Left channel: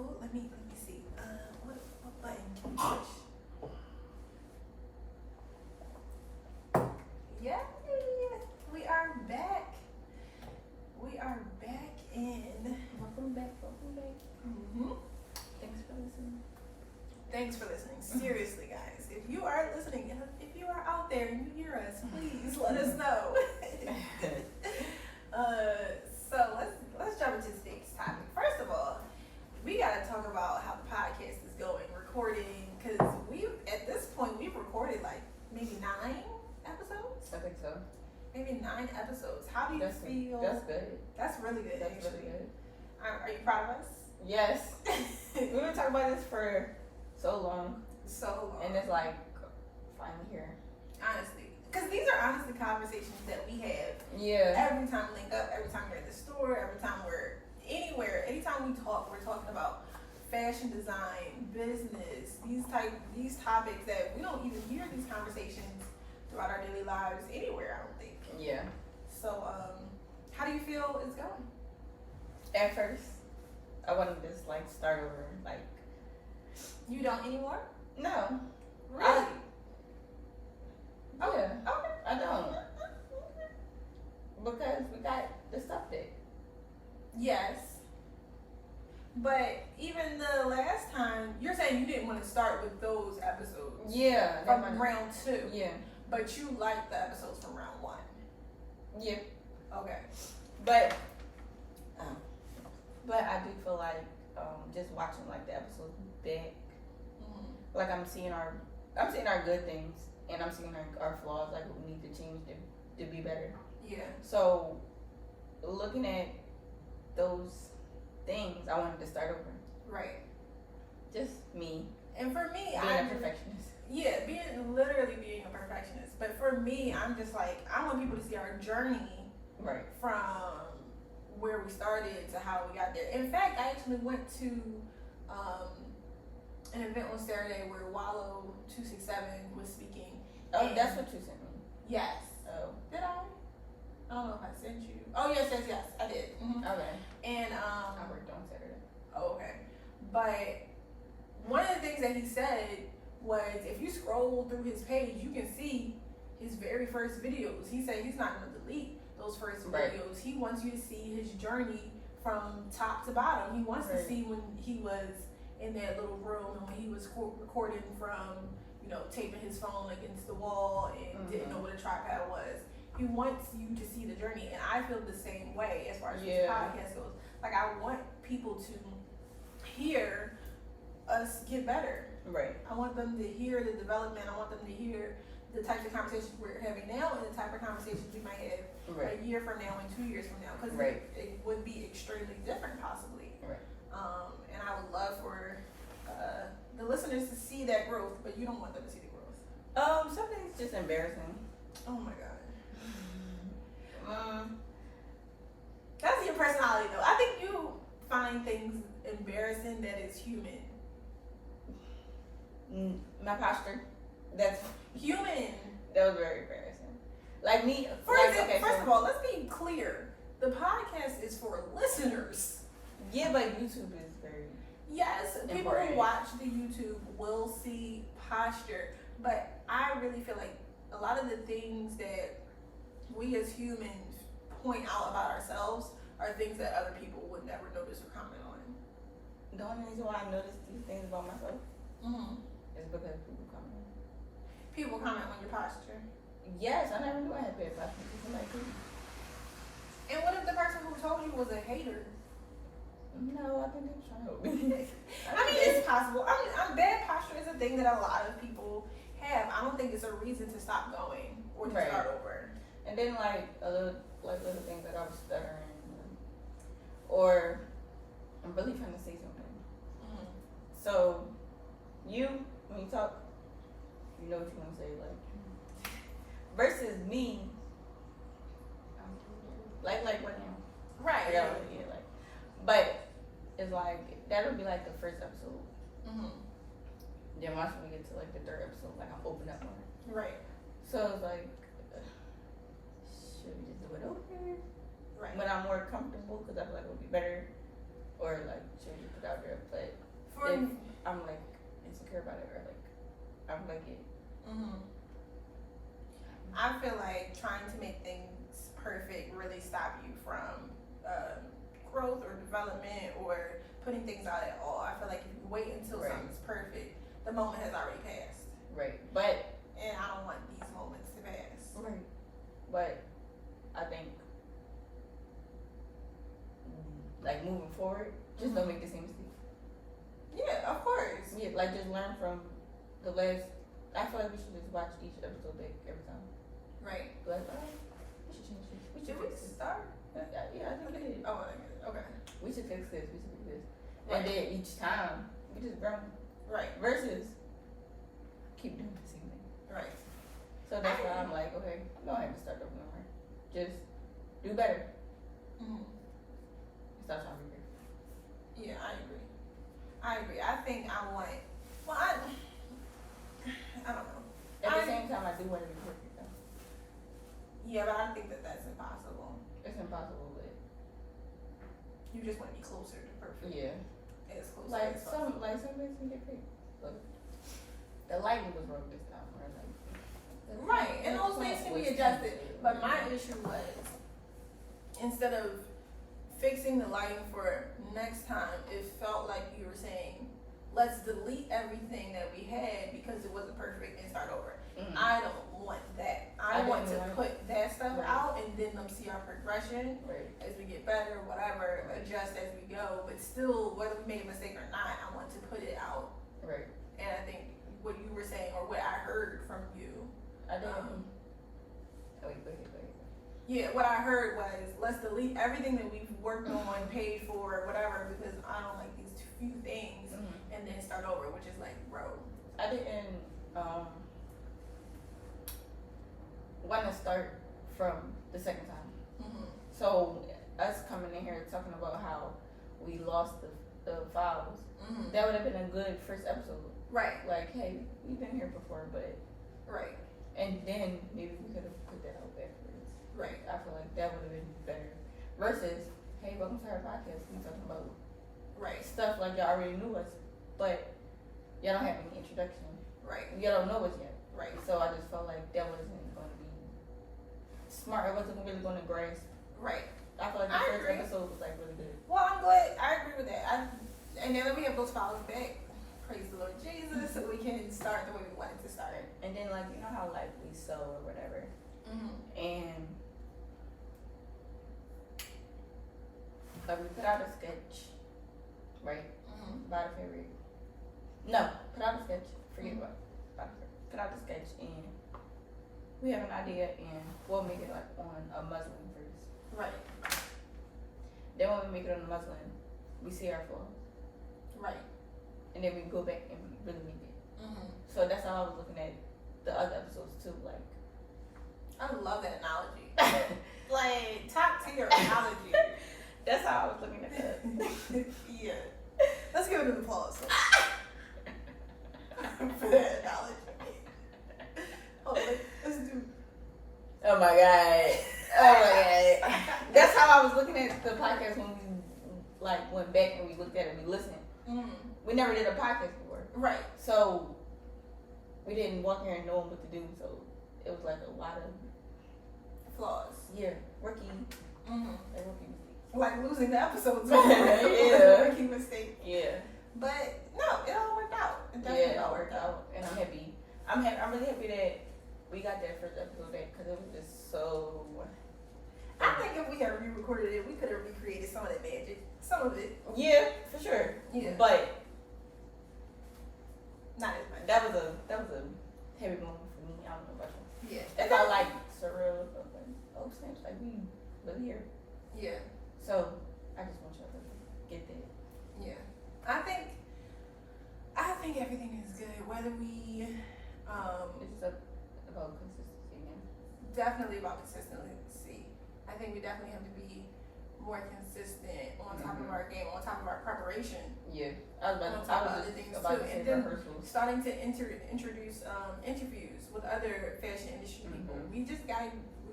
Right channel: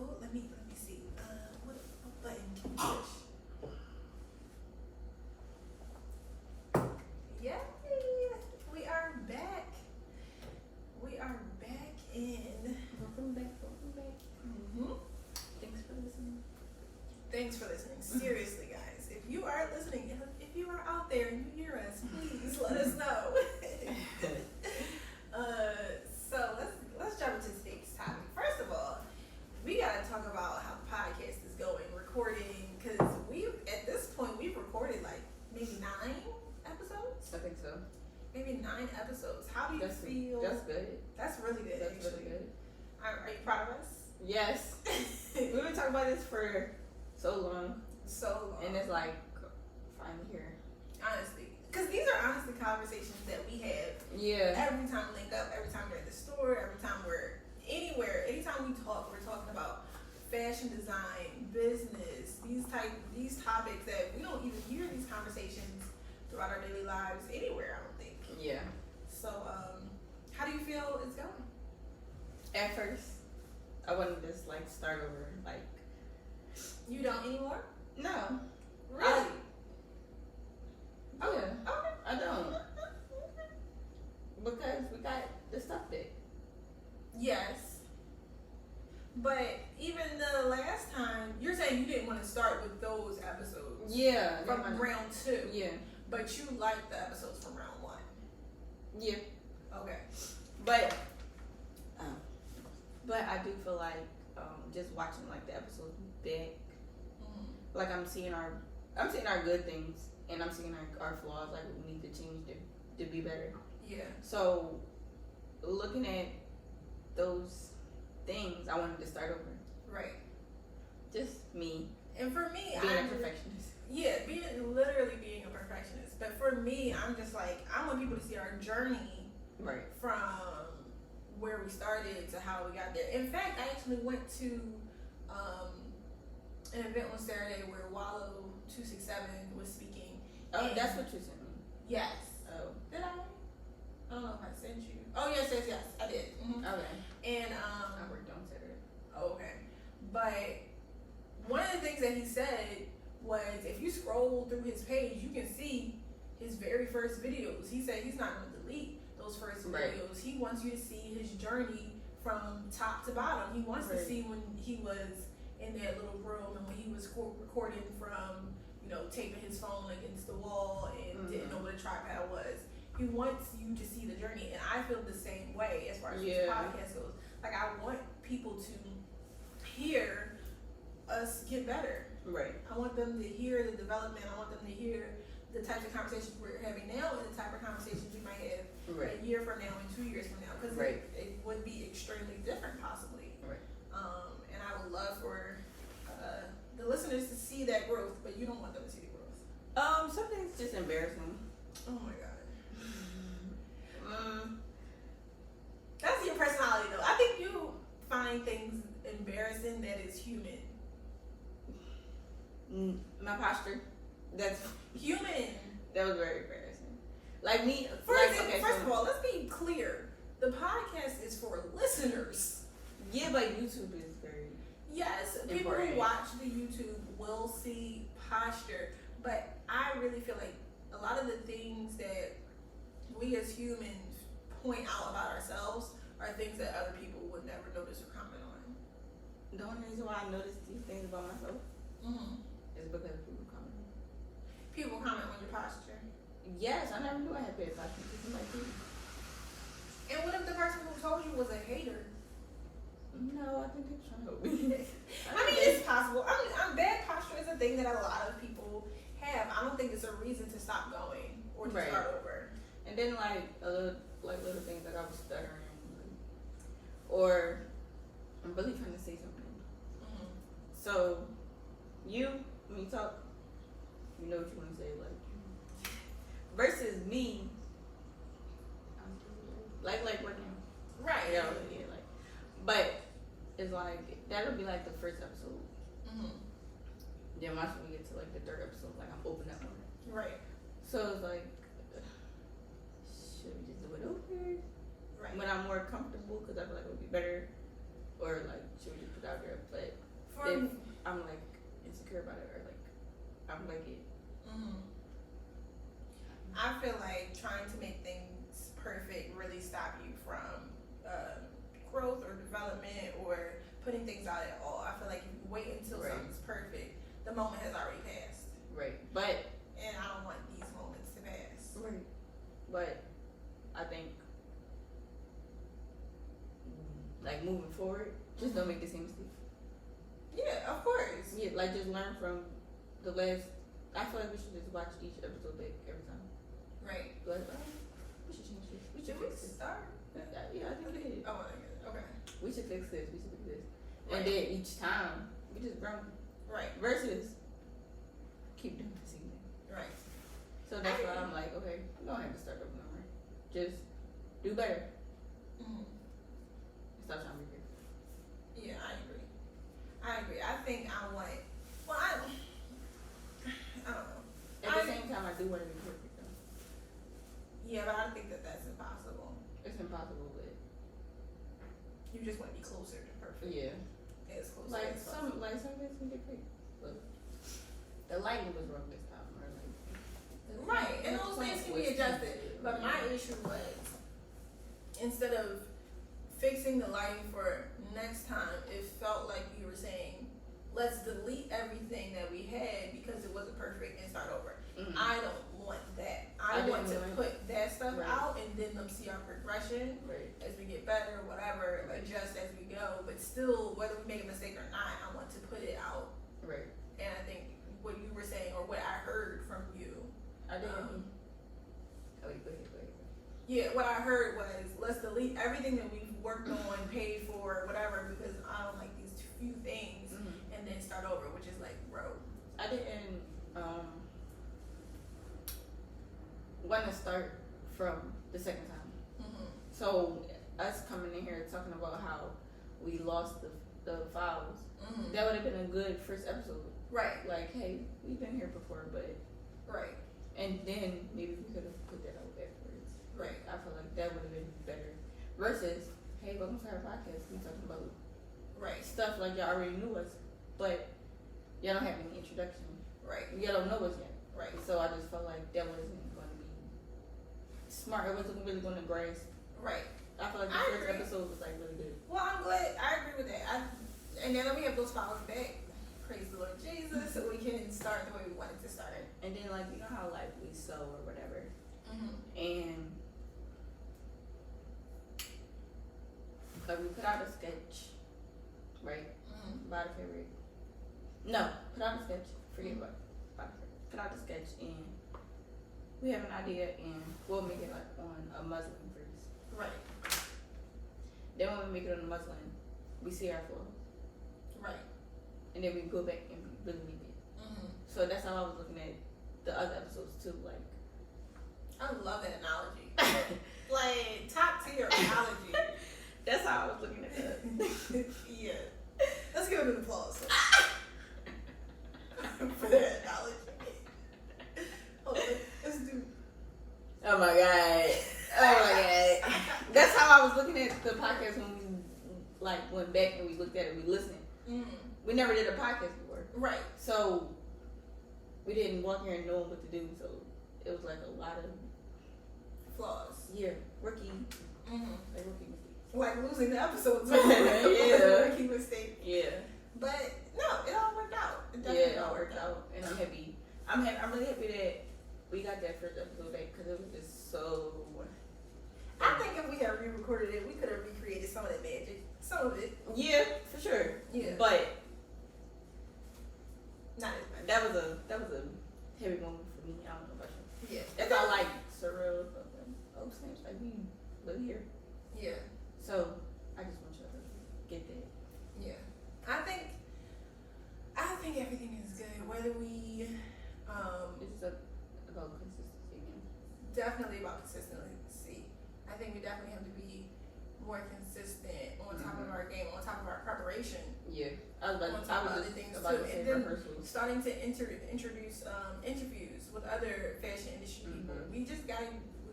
let me see. What button can we push? Yay! We are back. We are back in. Welcome back. Mm-hmm. Thanks for listening. Thanks for listening. Seriously, guys, if you are listening, if you are out there and you hear us, please let us know. So let's jump into today's topic. First of all, we gotta talk about how the podcast is going, recording, because at this point we've recorded like maybe 9 episodes. I think so. Maybe 9 episodes. How do you feel? That's good. That's really good. That's actually. really good. Are you proud of us? Yes. We've been talking about this for so long. So long. And it's like, finally here. Honestly. Because these are honestly conversations that we have. Yeah. Every time we link up, every time we're at the store, every time we're anywhere, anytime we talk, we're talking about fashion design, business, these topics that we don't even hear these conversations throughout our daily lives anywhere, I don't think. Yeah. So, how do you feel it's going? At first, I wanted to just like start over. Like, you don't anymore? no. Really? Yeah. Okay. I don't. Because we got the stuff there. Yes. But even the last time, you're saying you didn't want to start with those episodes. Yeah. From round 2. Yeah. But you liked the episodes from round 1. Yeah. Okay. But I do feel like just watching like the episodes back, like I'm seeing our good things and I'm seeing our flaws, like what we need to change to be better. Yeah. So looking at those things, I wanted to start over. Right. Just me. And for me, being a perfectionist. Yeah, literally being a perfectionist. But for me, I'm just like, I want people to see our journey. Right. From where we started to how we got there. In fact, I actually went to an event on Saturday where Wallow 267 was speaking. Oh, that's what you sent me. Yes. Oh. Did I? I don't know if I sent you. Oh, yes, I did. Mm-hmm. Okay. And I worked on Saturday. Oh, okay. But one of the things that he said was, if you scroll through his page, you can see his very first videos. He said he's not going to delete those first videos. He wants you to see his journey from top to bottom. He wants to see when he was in that little room and when he was recording from, taping his phone against the wall and didn't know what a tripod was. He wants you to see the journey, and I feel the same way as far as this podcast goes. Like, I want people to hear us get better. Right. I want them to hear the development. I want them to hear the types of conversations we're having now and the type of conversations we might have a year from now and 2 years from now, because it would be extremely different possibly. Right. And I would love for the listeners to see that growth, but you don't want them to see the growth. Something's just embarrassing. Oh my god. That's your personality though. I think you find things embarrassing that is human. My posture. That's human. That was very embarrassing. Like me. First of all, let's be clear. The podcast is for listeners. Yeah, but YouTube is very. Yes, people who watch the YouTube will see posture, but I really feel like a lot of the things that we as humans point out about ourselves are things that other people would never notice or comment on. The only reason why I notice these things about myself is because people comment on it. People comment on your posture? Yes, I never knew I had bad posture. And what if the person who told you was a hater? No, I think they were trying to help me. I mean, it's possible. Bad posture is a thing that a lot of people have. I don't think it's a reason to stop going or to start over. And then little things like I was stuttering, or I'm really trying to say something. So when you talk, you know what you want to say, like versus me, like right now, right? But it's like that'll be like the first episode. Then once we get to like the third episode, like I'm open up more. Right. So it's like, should we just do it over? Right. When I'm more comfortable, because I feel like it'll be better. or like should we just put it out there? But For if I'm like insecure about it or like I'm like it. I feel like trying to make things perfect really stop you from growth or development or putting things out at all. I feel like if you wait until something's perfect, the moment has already passed. Right. But and I don't want these moments to pass. Right. But I think like moving forward, just don't make the same mistake. Yeah, of course. Yeah, like just learn from the last. I feel like we should just watch each episode back every time. Right. Like, we should change this. We should fix this. Start? Yeah, I think we did. Oh, okay. We should fix this. We should fix this. Right. And then each time we just grow. Right. Versus keep doing the same thing. Right. So that's why I'm like, okay, I don't have to start over no more. Just do better. Stop trying to be perfect. Yeah, I agree. I think I want. Well, I don't know. At the same time, I do want to be perfect though. Yeah, but I think that's impossible. It's impossible, but you just want to be closer to perfect. Yeah. As close Like as some things can get fixed. Look, the lighting was wrong this time, or like. Right, and those things can be adjusted. But my issue was, instead of fixing the lighting for next time, it felt like you were saying, let's delete everything that we had because it wasn't perfect and start over. I don't want that. I want to put that stuff out and then them see our progression as we get better, whatever, adjust as we go. But still, whether we make a mistake or not, I want to put it out. Right. And I think what you were saying, or what I heard from you, I didn't. Go ahead. Yeah, what I heard was, let's delete everything that we've worked on, paid for, whatever, because I don't like these few things, and then start over, which is like, bro. I didn't want to start from the second time. So us coming in here talking about how we lost the files, that would have been a good first episode. Right. Like, hey, we've been here before, but right. And then maybe we could have put that out afterwards. Right. I feel like that would have been better. Versus, hey, welcome to our podcast. We talking about stuff like y'all already knew us, but y'all don't have any introduction. Right. Y'all don't know us yet. Right. So I just felt like that wasn't going to be smart. It wasn't really going to grasp. Right. I feel like the first episode was like really good. Well, I'm glad. I agree with that. And then we have those files back. Praise the Lord Jesus, so we can start the way we wanted to start. And then, like, you know how, like, we sew or whatever. And like, we put out a sketch, right? About a favorite. No, put out a sketch. Forget about it. Put out a sketch, and we have an idea, and we'll make it, like, on a muslin first. Right. Then when we make it on the muslin, we see our flaws. Right. And then we go back and really make it. So that's how I was looking at the other episodes too. Like, I love that analogy. Like, top tier analogy. That's how I was looking at that. Yeah. Let's give it an applause for that analogy. Let's do. Oh my god. That's how I was looking at the podcast when we like went back and we looked at it. We listened. We never did a podcast before. Right. So we didn't walk here and know what to do. So it was like a lot of flaws. Yeah. Rookie. Like rookie mistakes. Like losing the episodes. Yeah. Rookie mistake. Yeah. But no, it all worked out. It all worked out. And I'm happy. I'm really happy that we got that first episode back because it was just so. I think if we had re-recorded it, we could have recreated some of that magic. Some of it. Yeah, for sure. Yeah. But not as much. That was a heavy moment for me. I don't know about you. Yeah. It's all like surreal. Like, oh snaps, like we really here. Yeah. So I just want y'all to get that. Yeah. I think everything is good. Whether we it's about consistency again. Definitely about consistency. I think we definitely have to be more consistent on top of our game, on top of our preparation. Yeah, I was about to say rehearsals. Starting to introduce interviews with other fashion industry people. We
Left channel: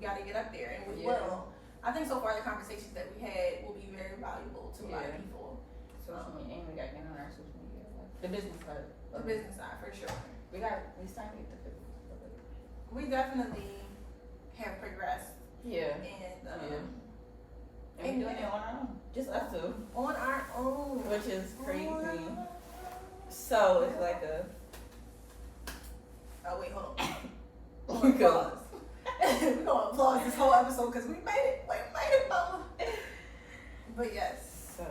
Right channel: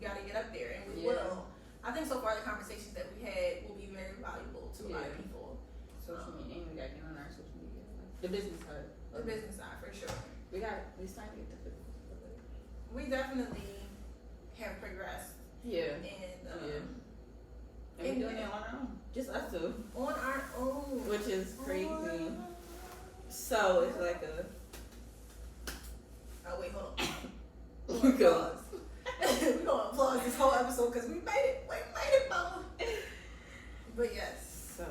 gotta get up there, and we will. I think so far the conversations that we had will be very valuable to a lot of people, social media, and we gotta get on our social media, like the business side. The business side for sure. It's time to get the physical. We definitely have progressed. Yeah. And and we're doing it on our own. Just us two. On our own. Which is crazy. So it's like a oh wait, hold on. We're gonna applause this whole episode because we made it. We made it, mama. But yes. So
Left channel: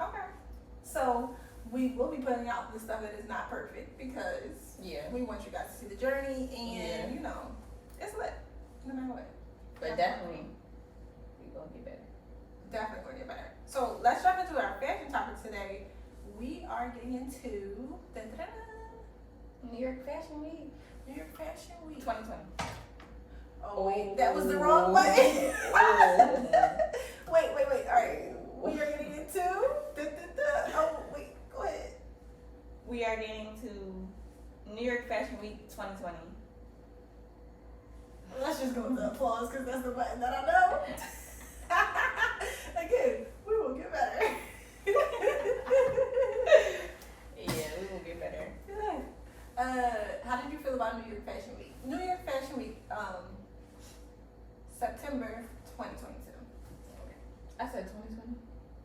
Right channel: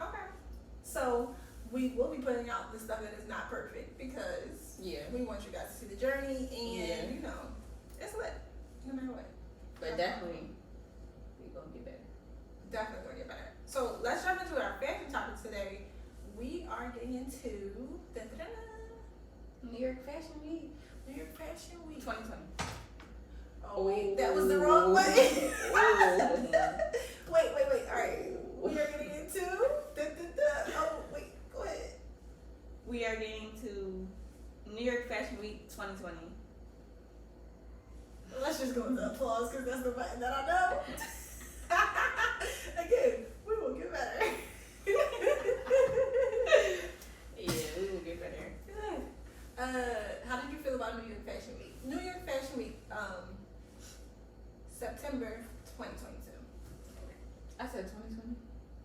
okay. So we will be putting out the stuff that is not perfect because we want you guys to see the journey and you know, it's lit. No matter what. But definitely we're gonna get better. Definitely gonna get better. So let's jump into our fashion topic today. We are getting into New York Fashion Week. New York Fashion Week 2020. Oh wait, that was the wrong way. Wait. Alright. We are getting into oh wait, go ahead. We are getting to New York Fashion Week 2020. Let's just go with the applause because that's the button that I know. Again, we will get better. Yeah, we will get better. How did you feel about New York Fashion Week? New York Fashion Week, September 2022. I said 2020.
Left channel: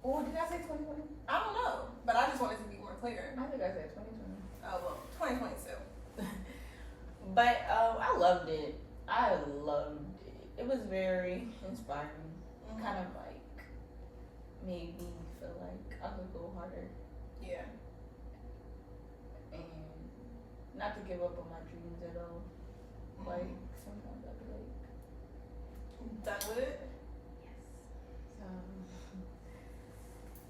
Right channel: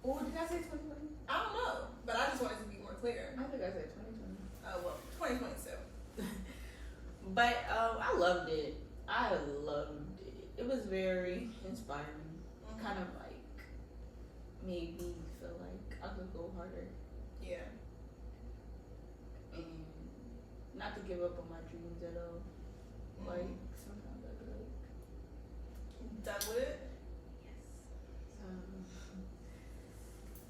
Oh, did I say 2020? I don't know, but I just wanted to be more clear. I think I said 2020. Oh, well, 2022. But I loved it. It was very inspiring. Mm-hmm. Kind of like made me feel like I could go harder. Yeah. And not to give up on my dreams at all. Mm-hmm. Like sometimes I feel like done with it? Yes.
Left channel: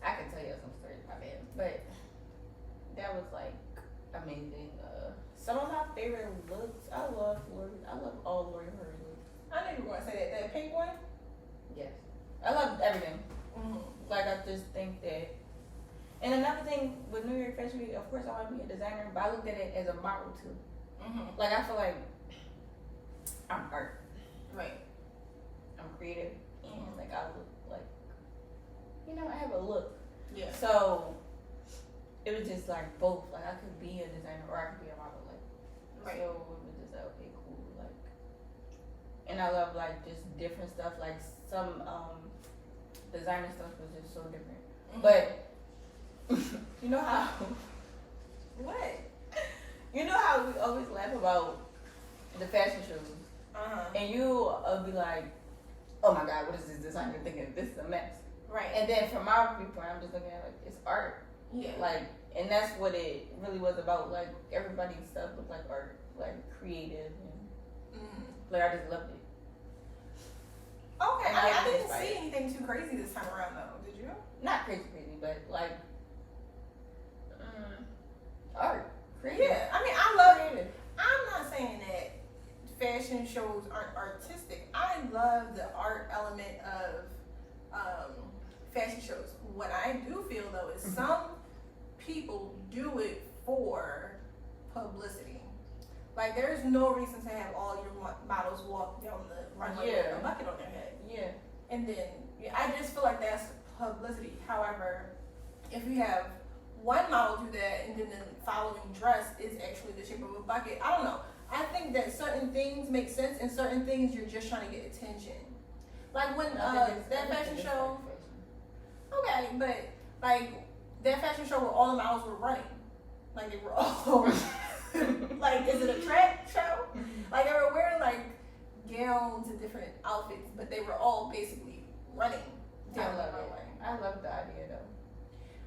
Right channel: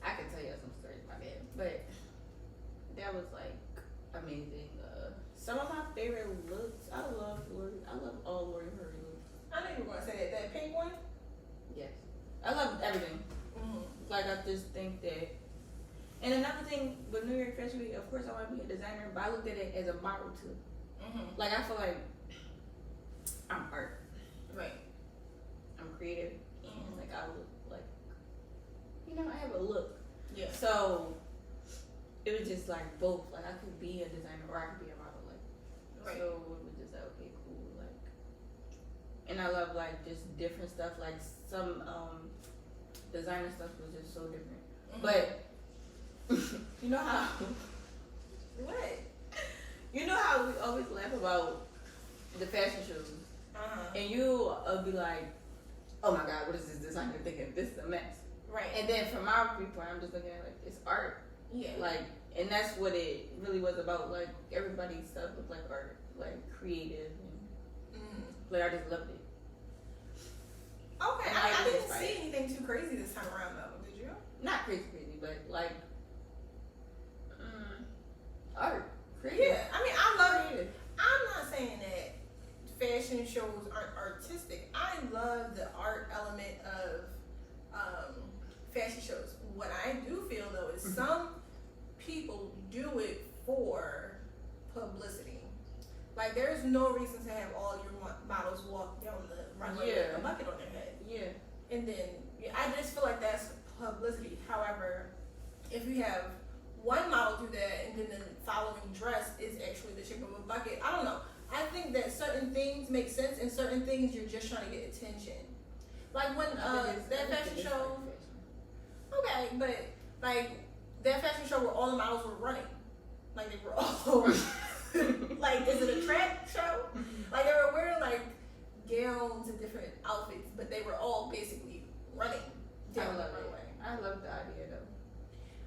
I could tell you some stories about it, but that was like amazing. Some of my favorite looks. I love all Lori Hurley looks. I knew you were gonna say that. That pink one? Yes. I love everything. Mm-hmm. Like I just think that. And another thing with New York Fashion Week, of course I want to be a designer, but I looked at it as a model too. Mm-hmm. Like I feel like I'm art. Right. I'm creative. Mm-hmm. And like I look like, I have a look. Yeah. So it was just like both. Like I could be a designer or I could be a model. Like right. So it was just like okay, cool. Like, and I love like just different stuff. Like some designer stuff was just so different. Mm-hmm. But you know how what? You know how we always laugh about the fashion shows, and you'll be like, "Oh my God, what is this designer thinking? This is a mess." Right. And then from my viewpoint, I'm just looking at it like it's art. Yeah. Like, and that's what it really was about. Like everybody's stuff looked like art, like creative, and like I just loved it. Okay, I didn't see anything too crazy this time around though. Did you? Not crazy, but like art. Creative. Yeah, I mean, I love it. I'm not saying that fashion shows aren't artistic. I love the art element of fashion shows. What I do feel though is some people do it for publicity. Like, there's no reason to have all your models walk down the runway with a bucket on their head. Yeah. And then I just feel like that's publicity. However, if you have one model do that and then the following dress is actually the shape of a bucket, I don't know. I think that certain things make sense and certain things you're just trying to get attention. Like when that fashion show. Okay, but like that fashion show where all the models were running. Like they were all like, is it a track show? Like they were wearing like gowns and different outfits, but they were all basically running down the runway. I love the idea though.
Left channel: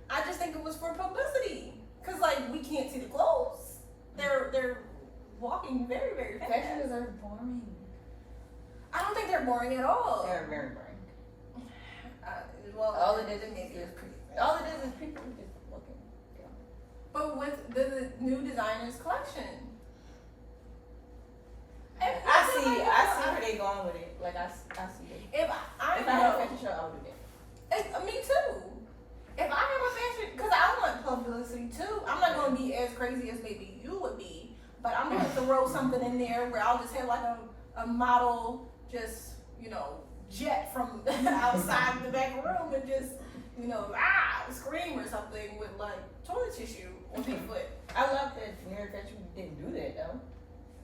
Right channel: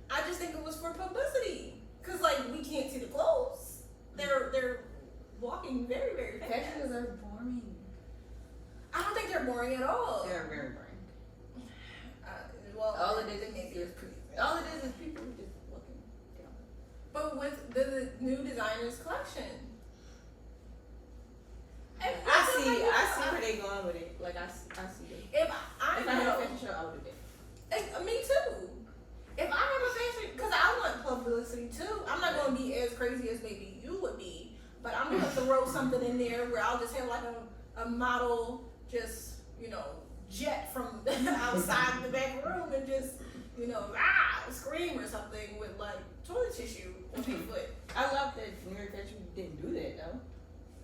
I just think it was for publicity, cause like we can't see the clothes. They're walking very, very fast. Fashions are boring. I don't think they're boring at all. They're very boring. Well, all it is people just looking. But with the new designers collection, I see where they going with it. Like I see it. If I had a fashion show, I would do that. Me too. If I have a fashion, because I want publicity too. I'm not going to be as crazy as maybe you would be, but I'm going to throw something in there where I'll just have like a model just, jet from outside the back room and just, scream or something with like toilet tissue on their foot. I love that New York Fashion Week didn't do that though.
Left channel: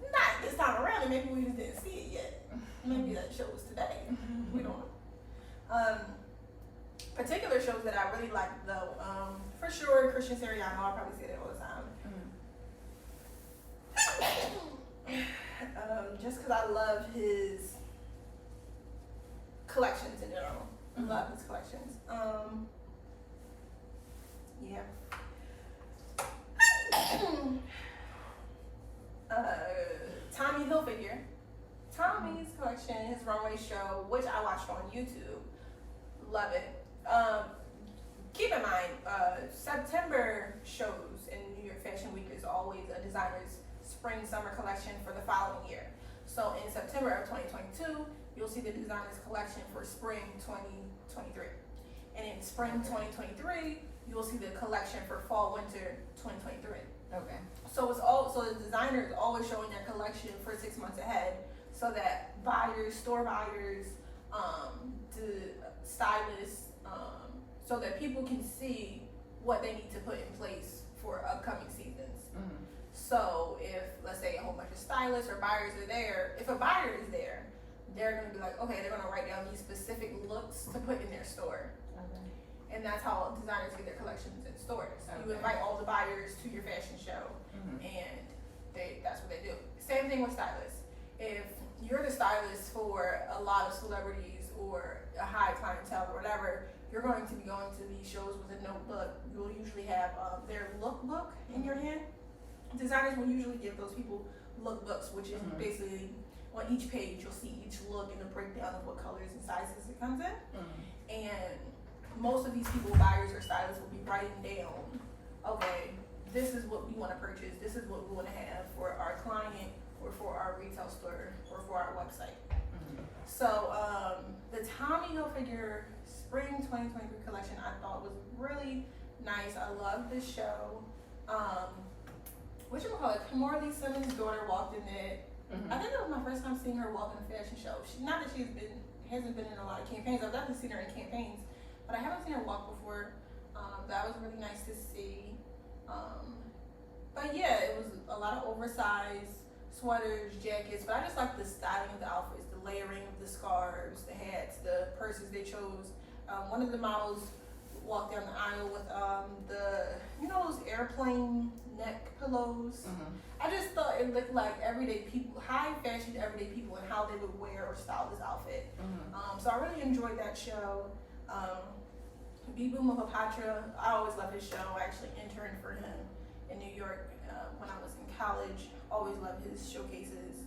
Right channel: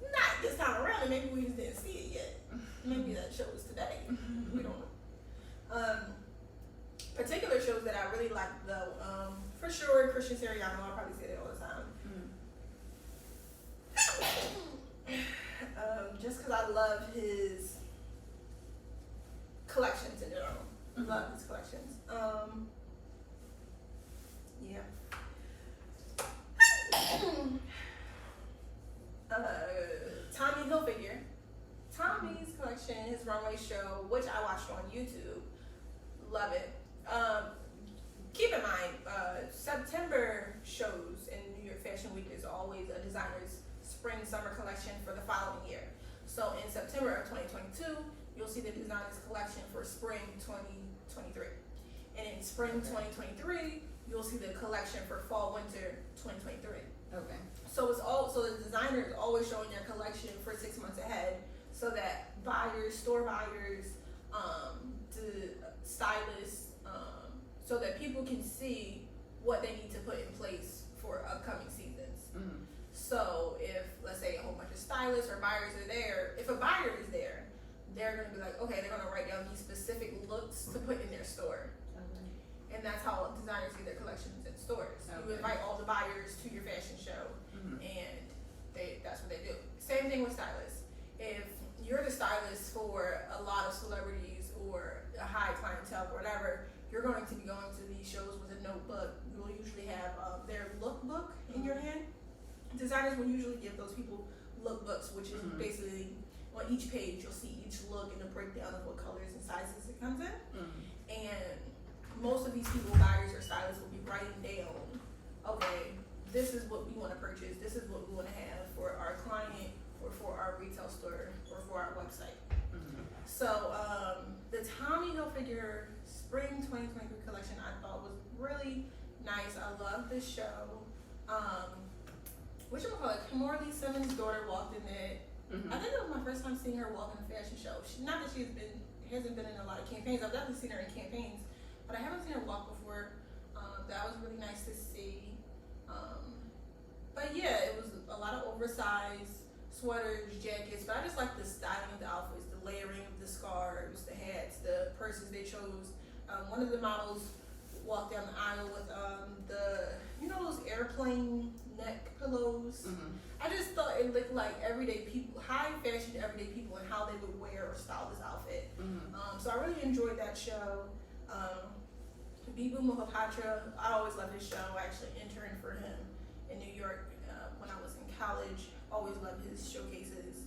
Not this time around, and maybe we just didn't see it yet. Maybe that show was today. We don't know. Particular shows that I really like though, for sure, Christian Siriano. I'll probably say that all the time. Just because I love his collections in general. I love his collections. Yeah. Tommy Hilfiger. Tommy's collection, his runway show, which I watched on YouTube. Love it. Keep in mind, September shows in New York Fashion Week is always a designer's spring-summer collection for the following year. So in September of 2022, you'll see the designer's collection for spring 2023. And in spring 2023, you'll see the collection for fall-winter 2023. Okay. So the designer is always showing their collection for 6 months ahead, so that buyers, store buyers, the stylists, so that people can see what they need to put in place for upcoming seasons. Mm-hmm. So if, let's say, a whole bunch of stylists or buyers are there, if a buyer is there, they're going to be like, okay, they're going to write down these specific looks to put in their store. Okay. And that's how designers get their collections in stores. Okay. You invite all the buyers to your fashion show, and that's what they do. Same thing with stylists. If you're the stylist for a lot of celebrities or a high clientele or whatever, you're going to be going to these shows with a notebook. You'll usually have their lookbook in your hand. Designers will usually give those people lookbooks, which is basically on each page you'll see each look and a breakdown of what colors and sizes it comes in. And most of these people, buyers or stylists, will be writing down, okay, this is what we want to purchase, this is what we want to have for our client or for our retail store or for our website. So the Tommy Hilfiger Spring 2023 collection I thought was really nice. I love this show. Kimberly Simmons' daughter walked in it. I think it was my first time seeing her walk in a fashion show. Not that hasn't been in a lot of campaigns. I've definitely seen her in campaigns, but I haven't seen her walk before. That was really nice to see. But yeah, it was a lot of oversized sweaters, jackets, but I just like the styling of the outfits, the layering of the scarves, the hats, the purses they chose. One of the models walked down the aisle with those airplane neck pillows. I just thought it looked like everyday people, high fashion everyday people, and how they would wear or style this outfit. So I really enjoyed that show. Bibu Mohapatra, I always love his show. I actually interned for him in New York when I was in college. Always loved his showcases.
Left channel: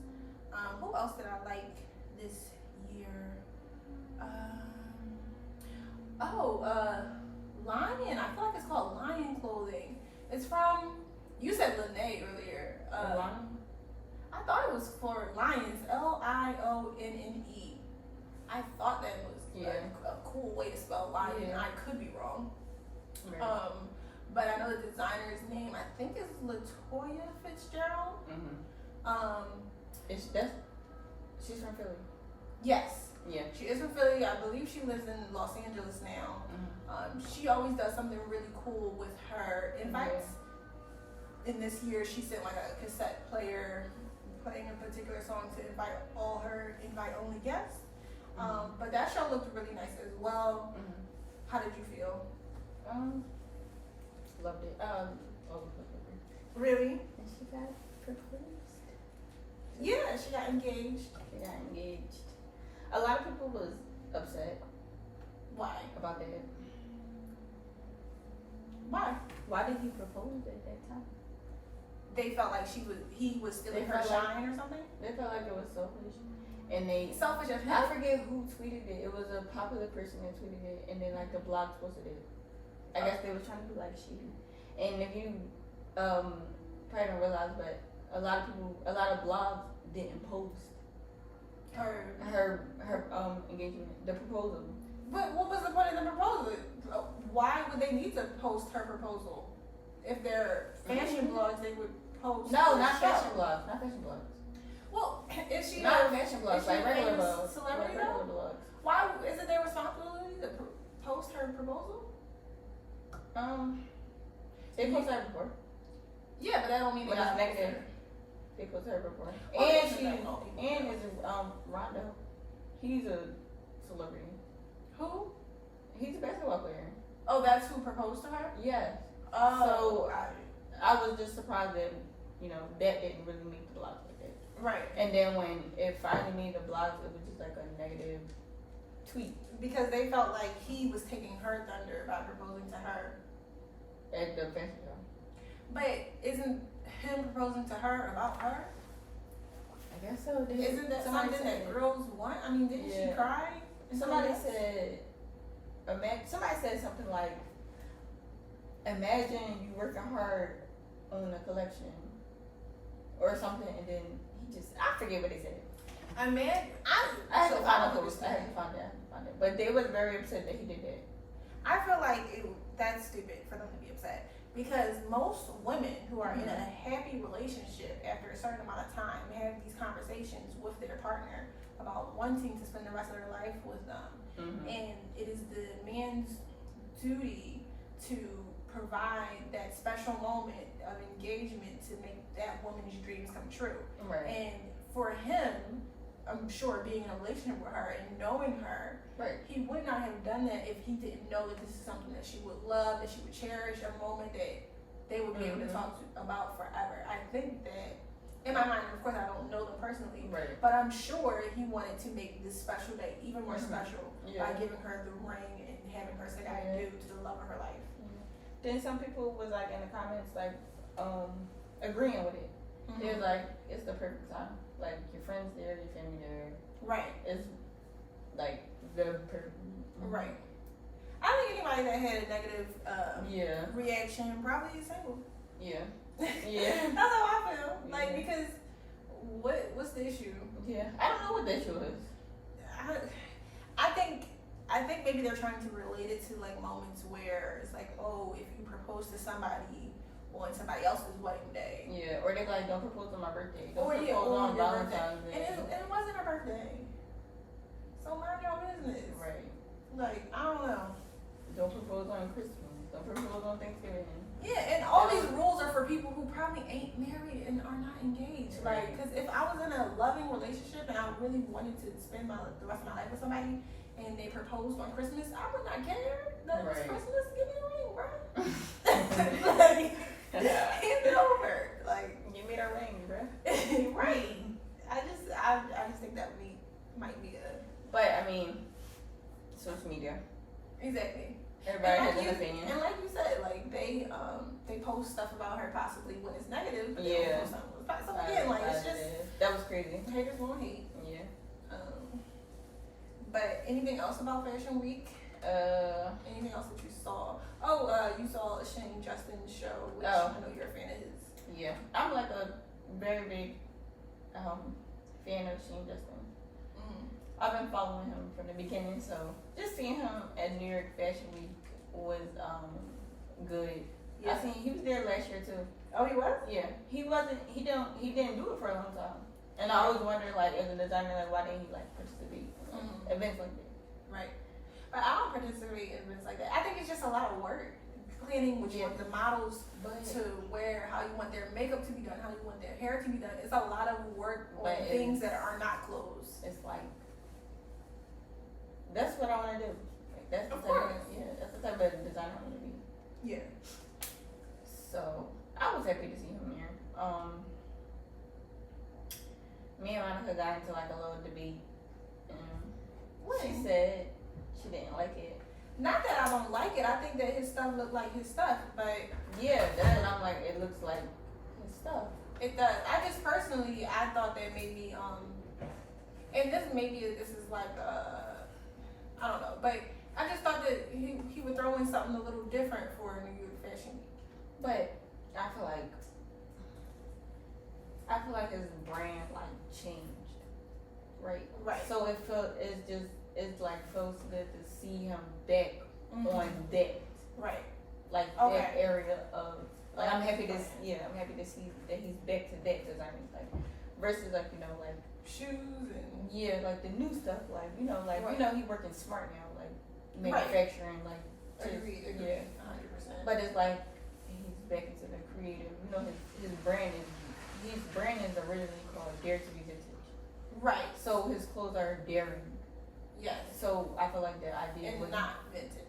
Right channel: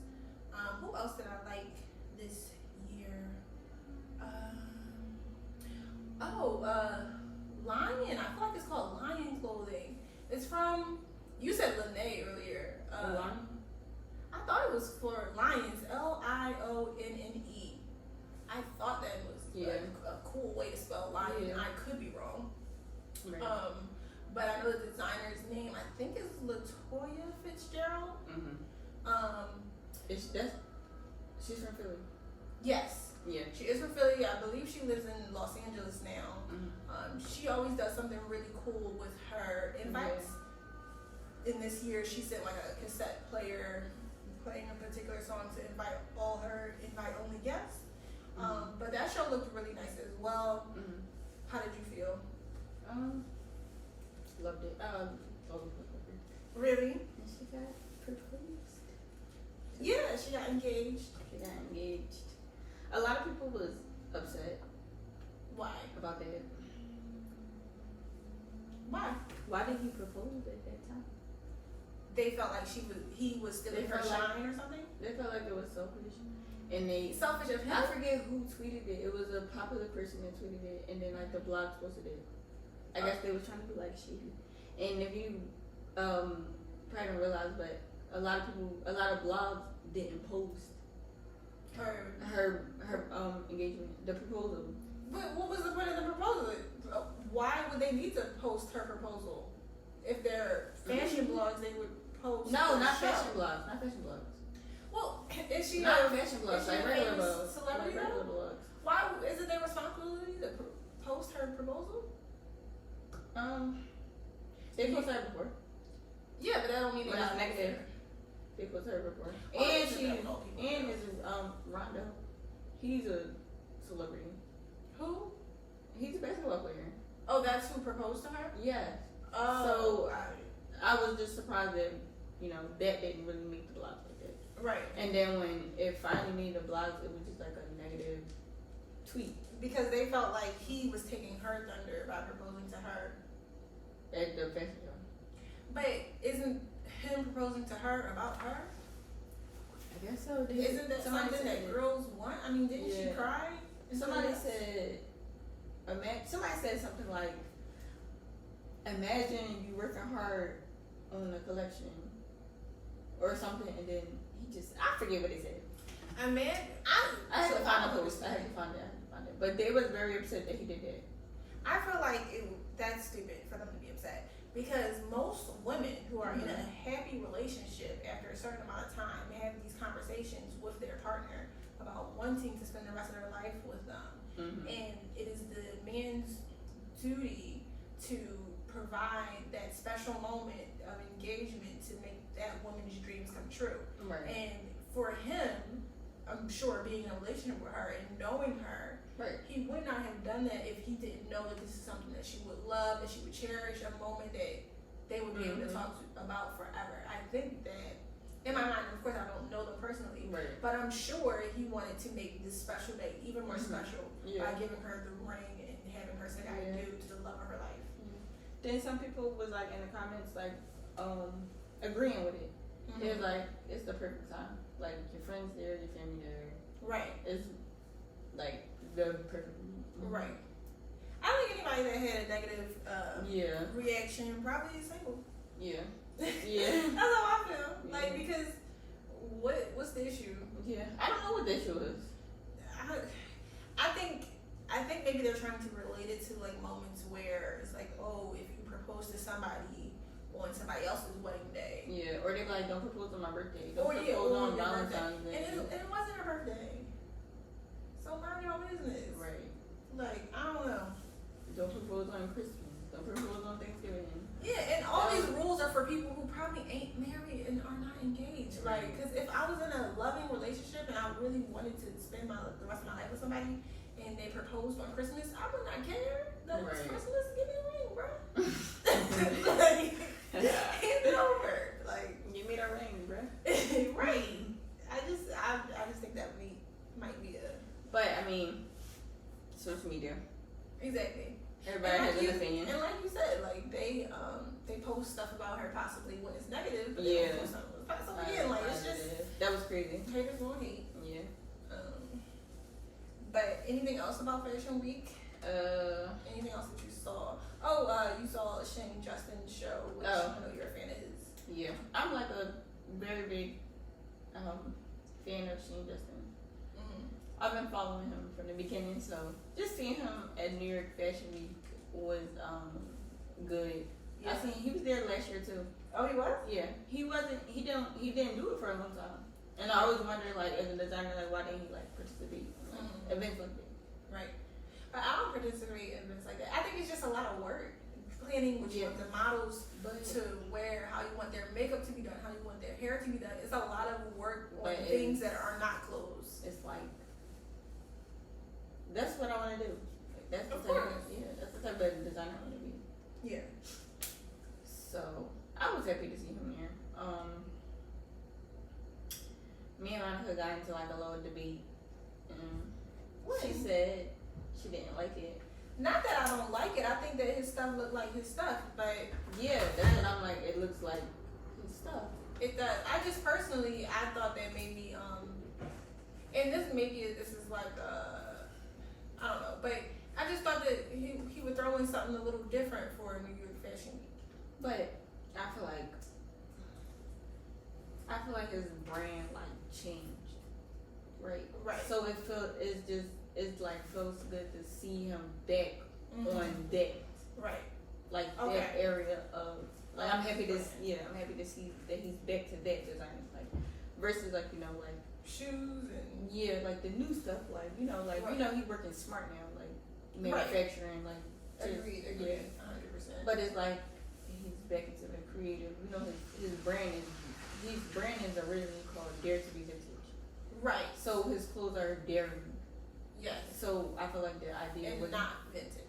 Who else did I like this year? Lion. I feel like it's called Lion Clothing. It's from, you said Lene earlier. Lion? I thought it was for Lions, Lionne. I thought that was a cool way to spell lion. I could be wrong. But I know the designer's name, I think is Latoia Fitzgerald. She's from Philly. Yes. Yeah. She is from Philly. I believe she lives in Los Angeles now. She always does something really cool with her invites. And this year she sent like a cassette player playing a particular song to invite all her invite-only guests. But that show looked really nice as well. How did you feel? Loved it. Really? And she got proposed. Yeah, she got engaged. A lot of people was upset. Why? About that. Why? Why did he propose at that time? They felt like he was stealing her shine or something? They felt like it was selfish. And selfish of him? I forget who tweeted it. It was a popular person that tweeted it, and then like the blogs posted it. I guess they were trying to be like shady. And if you probably don't realize, but a lot of blogs didn't post her engagement, the proposal. But what was the point of the proposal? Why would they need to post her proposal? If they're fashion blogs, they would post. No, not fashion blogs. Well, is she not fashion blogs, like regular blogs? Celebrity regular blogs. Why is it their responsibility to post her proposal? They posted her before. Yeah, but that don't mean they got negative. They posted her before. And Rondo. He's a celebrity. Who? He's a basketball player. Oh, that's who proposed to her? Yes. Oh. So I was just surprised that, that didn't really make the blogs like that. Right. And then when it finally made the blogs, it was just like a negative tweet. Because they felt like he was taking her thunder by proposing to her. At the festival. But isn't him proposing to her about her? I guess so. Isn't that something that girls want? I mean, didn't she cry? Somebody said something like, imagine you working hard on a collection or something, and then I forget what they said. I had to find it. But they was very upset that he did that. I feel like that's stupid for them to be upset. Because most women who are in a happy relationship after a certain amount of time have these conversations with their partner about wanting to spend the rest of their life with them. Mm-hmm. And it is the man's duty to provide that special moment of engagement to make that woman's dreams come true. Right. And for him, I'm sure being in a relationship with her and knowing her, right, he would not have done that if he didn't know that this is something that she would love, that she would cherish, a moment that they would be able to talk about forever. I think that, in my mind, of course I don't know them personally, right, but I'm sure he wanted to make this special day even more special by giving her the ring and having her say I do to the love of her life. Then some people was like in the comments like agreeing with it. They was like, it's the perfect time. Like your friends there, your family there. Right. It's like the perfect. Right. I think anybody that had a negative reaction probably is single. Yeah. Yeah. That's how I feel. Like because what's the issue? Yeah. I don't know what the issue is. I think maybe they're trying to relate it to like moments where it's like, oh, if you propose to somebody on somebody else's wedding day. Yeah, or they're like, don't propose on my birthday. Don't propose on Valentine's Day. And it wasn't her birthday. So mind your business. Right. Like, I don't know. Don't propose on Christmas. Don't propose on Thanksgiving. Yeah, and all these rules are for people who probably ain't married and are not engaged. Right. Like, because if I was in a loving relationship and I really wanted to spend the rest of my life with somebody and they proposed on Christmas, I would not care. That it's Christmas, give me a ring, bro. Like, hand it over. Like, give me the ring, bro. Right. I just think that might be a. But I mean, social media. Exactly. Everybody has an opinion. And like you said, like they post stuff about her possibly when it's negative. Yeah. So again, like it's just that was crazy. Haters gonna hate. Yeah. But anything else about Fashion Week? Anything else that you saw? Oh, you saw Shane Justin's show, which I know you're a fan of his. Yeah, I'm like a very big fan of Shane Justin. I've been following him from the beginning, so just seeing him at New York Fashion Week was good. Yeah. He was there last year too. Oh, he was? Yeah, he didn't do it for a long time, and I always wondered, like, as a designer, like, why didn't he like participate in events like that? Right. But I don't participate in events like that. I think it's just a lot of work. Planning what you want the models to wear, how you want their makeup to be done, how you want their hair to be done. It's a lot of work on things that are not clothes. It's like, that's what I want to do. Like, that's the type of designer I want to be. Yeah. So I was happy to see him there. Me and Monica got into like a little debate, and she said she didn't like it. Not that I don't like it. I think that his stuff looked like his stuff, but yeah, that's what I'm like. It looks like his stuff. It does. I just personally, I thought that maybe, and this is like, I don't know, but I just thought that he would throw in something a little different for New York Fashion Week. But I feel like his brand like changed, right? Right. So it's like feels good to see him back on that. Right. Like that area of like I'm happy to see that he's back to that design, like versus like like shoes and like the new stuff, like he working smart now, like manufacturing, like agreed, 100%. But it's like he's back into the creative. You know, his brand is originally called Dare to Be Vintage. Right. So his clothes are daring. Yes. So I feel like the idea and was not vintage.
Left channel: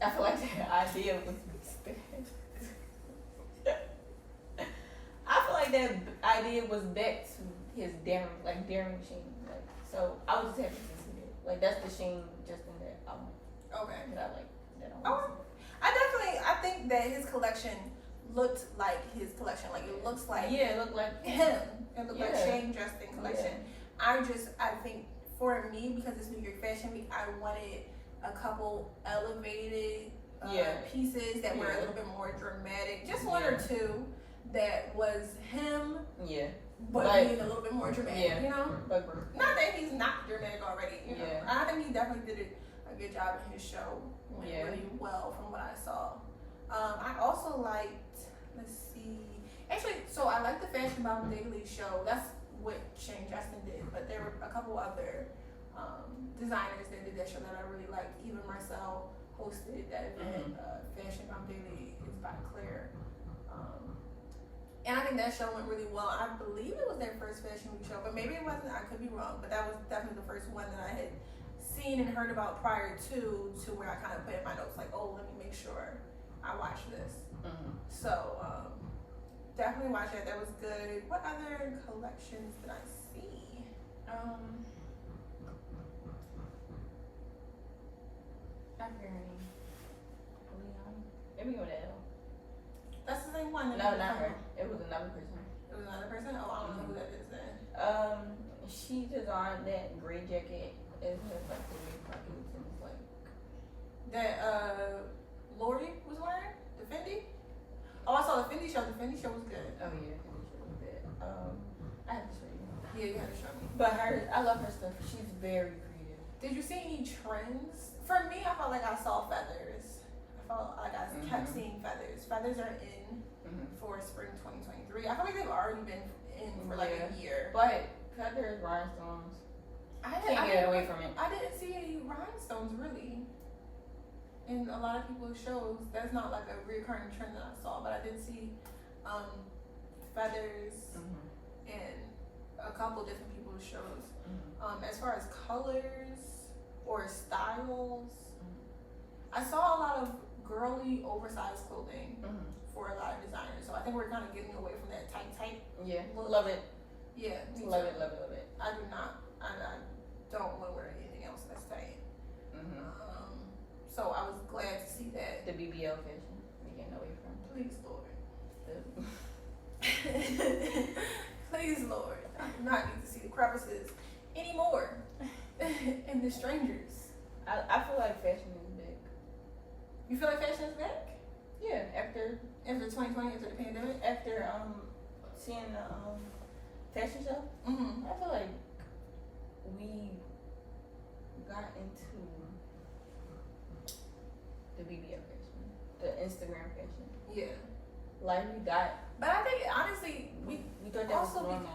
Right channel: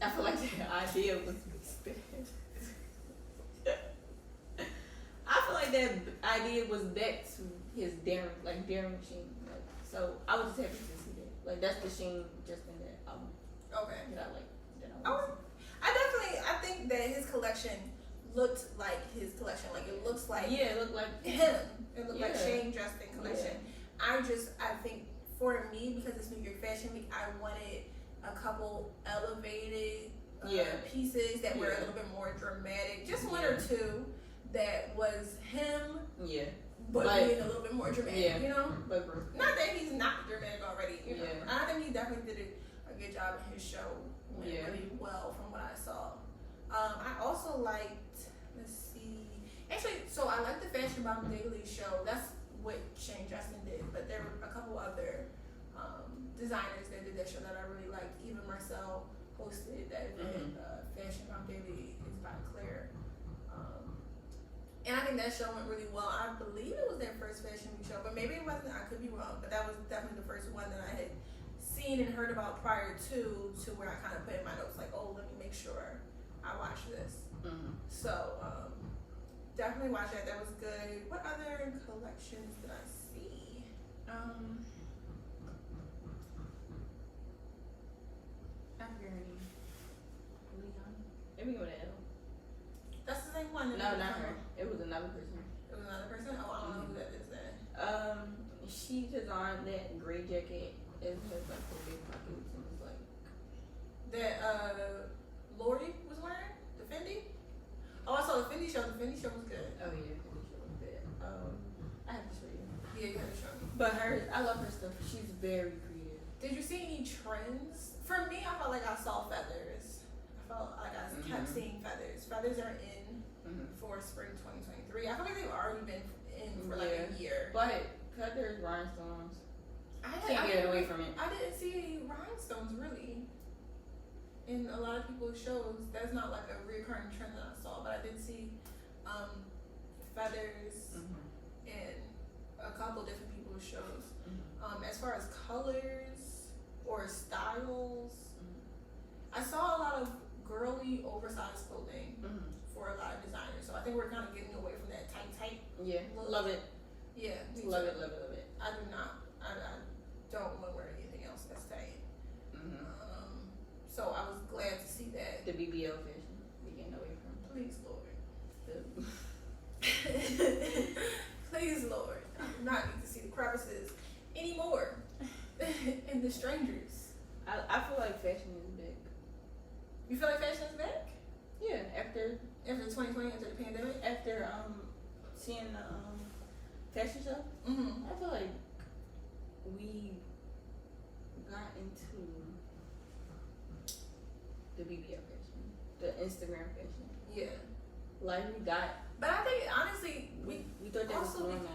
I feel like the idea was I feel like that idea was back to his daring Sheen. Like, so I was just happy to see that. Like, that's the Sheen just in that album. Okay. That I like. I think that his collection looked like his collection. Like, it looks like. Yeah, it looked like him. It looked like Shane Justin collection. Yeah. I think for me, because it's New York Fashion Week, I wanted a couple elevated pieces that were a little bit more dramatic. Just one or two that was him. Yeah. But being a little bit more dramatic, you know? Not that he's not dramatic already, you know? I think he definitely did a good job in his show. Went really well from what I saw. I also liked, so I liked the Fashion Bomb Daily show. That's what Shane Justin did, but there were a couple other designers that did that show that I really liked. Even Marcel hosted that event. Fashion Bomb Daily is by Claire. And I think that show went really well. I believe it was their first Fashion Week show, but maybe it wasn't. I could be wrong, but that was definitely the first one that I had seen and heard about prior to where I kind of put in my notes, like, oh, let me make sure I watch this. So definitely watch that. That was good. What other collections did I see? I forget her name. Leon. Maybe with an L. That's the same one. No, not her. It was another person. It was another person? Oh, I don't know who that is then. She designed that gray jacket. It has like the big pockets and it's like that Lori was wearing? The Fendi? Oh, I saw the Fendi show. The Fendi show was good. Oh yeah, Fendi show was good. I have to show you. Yeah, you have to show me. But I love her stuff. She's very creative. Did you see any trends? For me, I felt like I saw feathers. I felt like I kept seeing feathers. Feathers are in for spring 2023. I feel like they've already been in for like a year. But feathers, rhinestones. I can't get away from it. I didn't see any rhinestones really in a lot of people's shows. That's not like a recurring trend that I saw, but I did see feathers in a couple different people's shows. As far as colors or styles, I saw a lot of girly oversized clothing for a lot of designers. So I think we're kind of getting away from that tight look. Love it. Yeah, love it. I do not. I don't want to wear anything else that's tight. So I was glad to see that. The BBL fashion we're getting away from. Please, Lord. Please, Lord. I do not need to see the crevices anymore. And the strangers. I feel like fashion is big. You feel like fashion is back? Yeah, after 2020, after the pandemic? After seeing the fashion show, I feel like we got into the BBL fashion, the Instagram fashion. Yeah. Like we died. But I think honestly, we thought that was normal.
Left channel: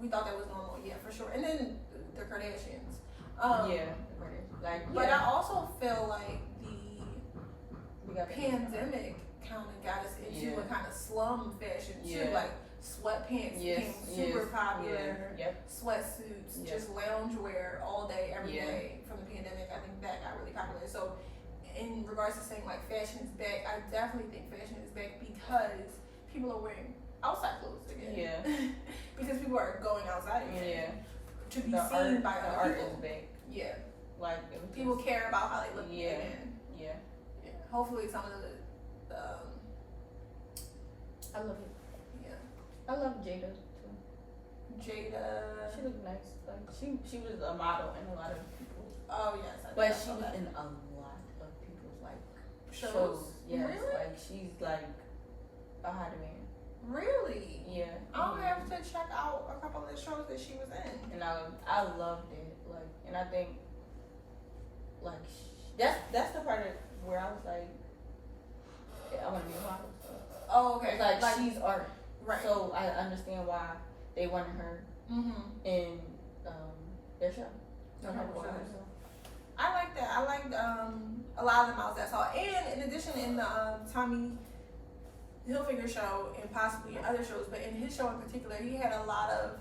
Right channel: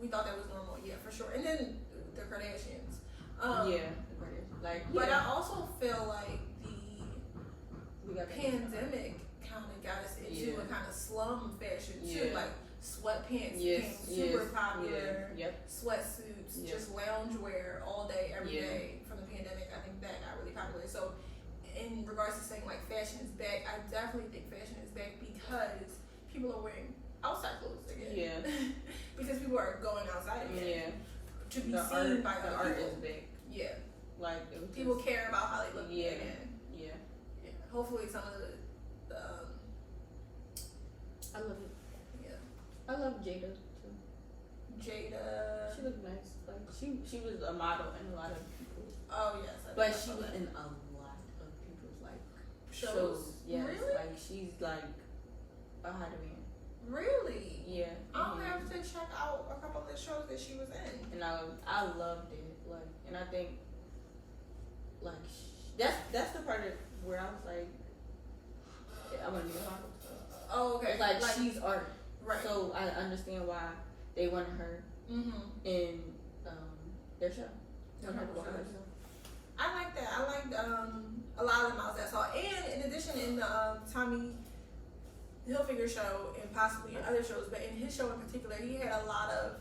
We thought that was normal, yeah, for sure. And then the Kardashians. The Kardashians. But I also feel like the pandemic kind of got us into a kind of slum fashion too. Like sweatpants became super popular. Sweatsuits, just loungewear all day, every day from the pandemic. I think that got really popular. So in regards to saying like fashion is back, I definitely think fashion is back because people are wearing outside clothes again. Yeah. Because people are going outside again. Yeah. To be seen by other art people. Is back. Yeah. Like people care about how they look again. Yeah. Hopefully some of the I love it. Yeah. I love Jada too. Jada. She looked nice. Like she was a model in a lot of people's. Oh yes. But she was in a lot of people's like shows. Yes. Really? Like she's like a hot demand. Really? Yeah. I'll have to check out a couple of the shows that she was in. And I loved it. Like, and I think like that's the part of where I was like, I want to be a model. Oh, okay. It's like she's art, right? So I understand why they wanted her in their show. I like that. I liked a lot of the models that I saw, and in addition, in the Tommy Hilfiger show and possibly in other shows, but in his show in particular, he had a lot of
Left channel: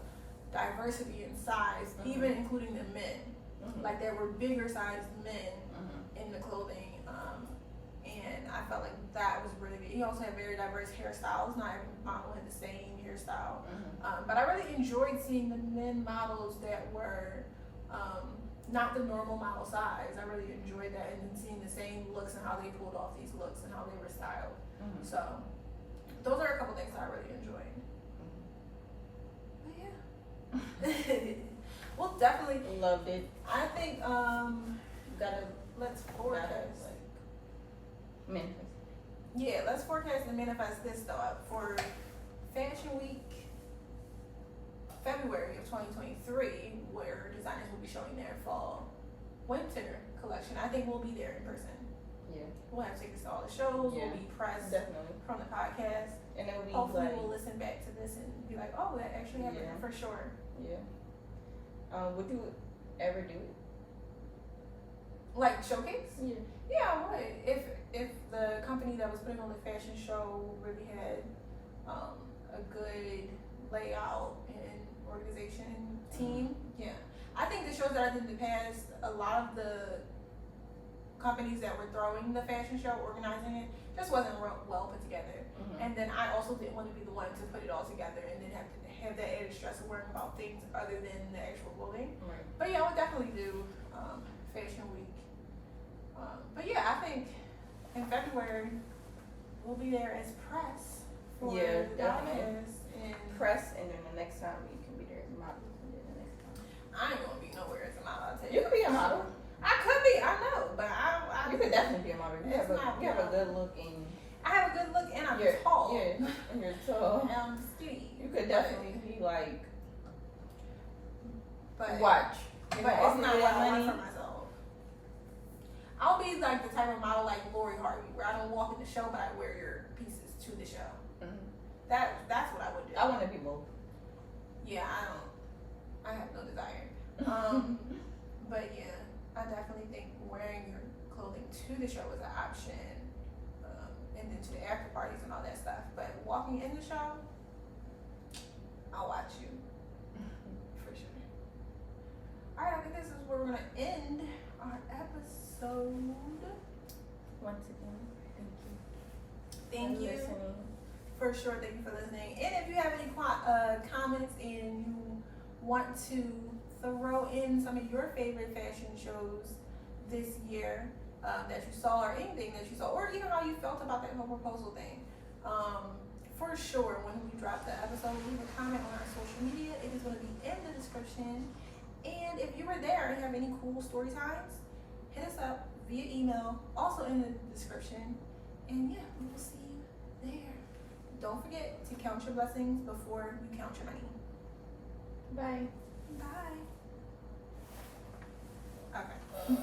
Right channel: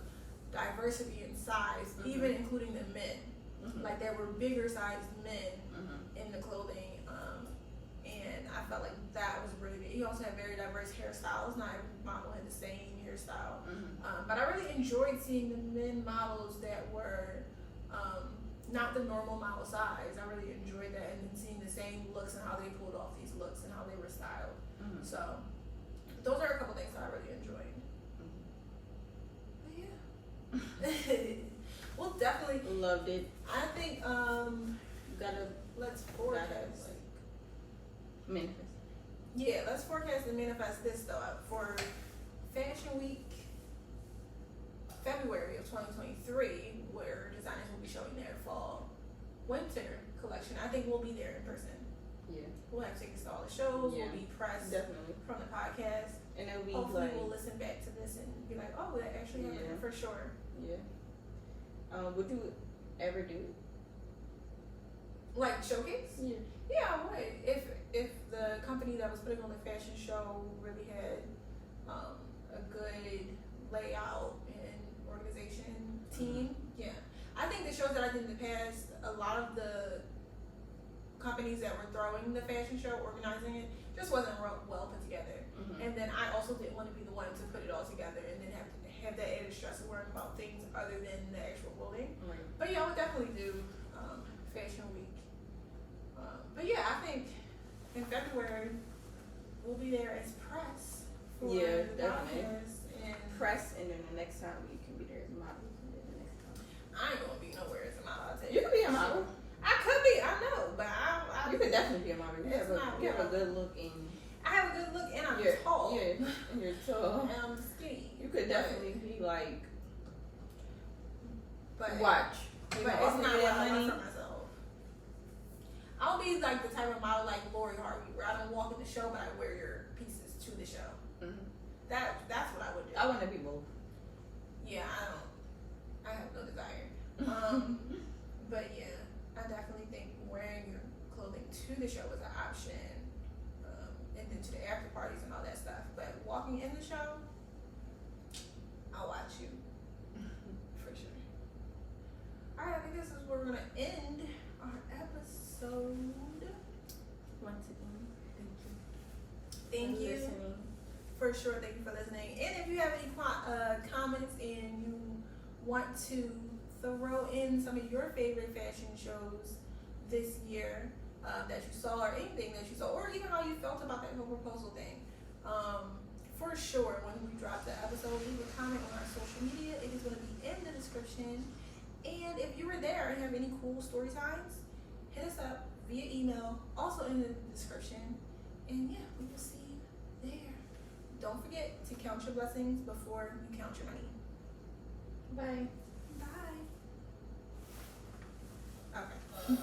diversity in size, even including the men. Like there were bigger sized men in the clothing, and I felt like that was really good. He also had very diverse hairstyles. Not every model had the same hairstyle, but I really enjoyed seeing the men models that were not the normal model size. I really enjoyed that, and then seeing the same looks and how they pulled off these looks and how they were styled. So those are a couple things that I really enjoyed. But yeah. We'll definitely loved it. I think let's forecast. Manifest. Yeah, let's forecast and manifest this though for Fashion Week February of 2023, where designers will be showing their fall winter collection. I think we'll be there in person. Yeah. We'll have tickets to all the shows. Yeah. We'll be pressed Definitely. from the podcast. And it'll be Hopefully like, we'll listen back to this and be like, oh, that actually happened for sure. Yeah. Would you ever do it? Like showcase? Yeah. Yeah, I would. If the company that was putting on the fashion show really had a good layout and organization team, yeah. I think the shows that I did in the past, a lot of the companies that were throwing the fashion show, organizing it, just wasn't well put together. And then I also didn't want to be the one to put it all together and then have to have that added stress of worrying about things other than the actual clothing. Right. But yeah, I would definitely do Fashion Week. But yeah, I think in February we'll be there as press for the designers and press, and then the next time you can be there as models, and then the next time I ain't gonna be nowhere as a model. I'll tell you could be a model. I could be, I know, but I You could definitely be a model. You have a good look and I have a good look and I'm tall. Yeah, and you're tall. And I'm skinny. You could definitely be like, but watch. But it's not what I want for myself. I'll be like the type of model like Lori Harvey, where I don't walk in the show, but I wear your pieces to the show. That's what I would do. I want to be both. Yeah, I have no desire. But yeah, I definitely think wearing your clothing to the show is an option, and then to the after parties and all that stuff. But walking in the show, I'll watch you for sure. All right, I think this is where we're gonna end our episode. Once again, Thank you. Listening. For sure, thank you for listening. And if you have any comments and you want to throw in some of your favorite fashion shows this year that you saw, or anything that you saw, or even how you felt about that whole proposal thing, for sure, when we drop the episode, leave a comment on our social media. It is going to be in the description. And if you were there and have any cool story times, hit us up via email, also in the description. And yeah, we will see you there. Don't forget to count your blessings before you count your money. Bye. Bye. Okay.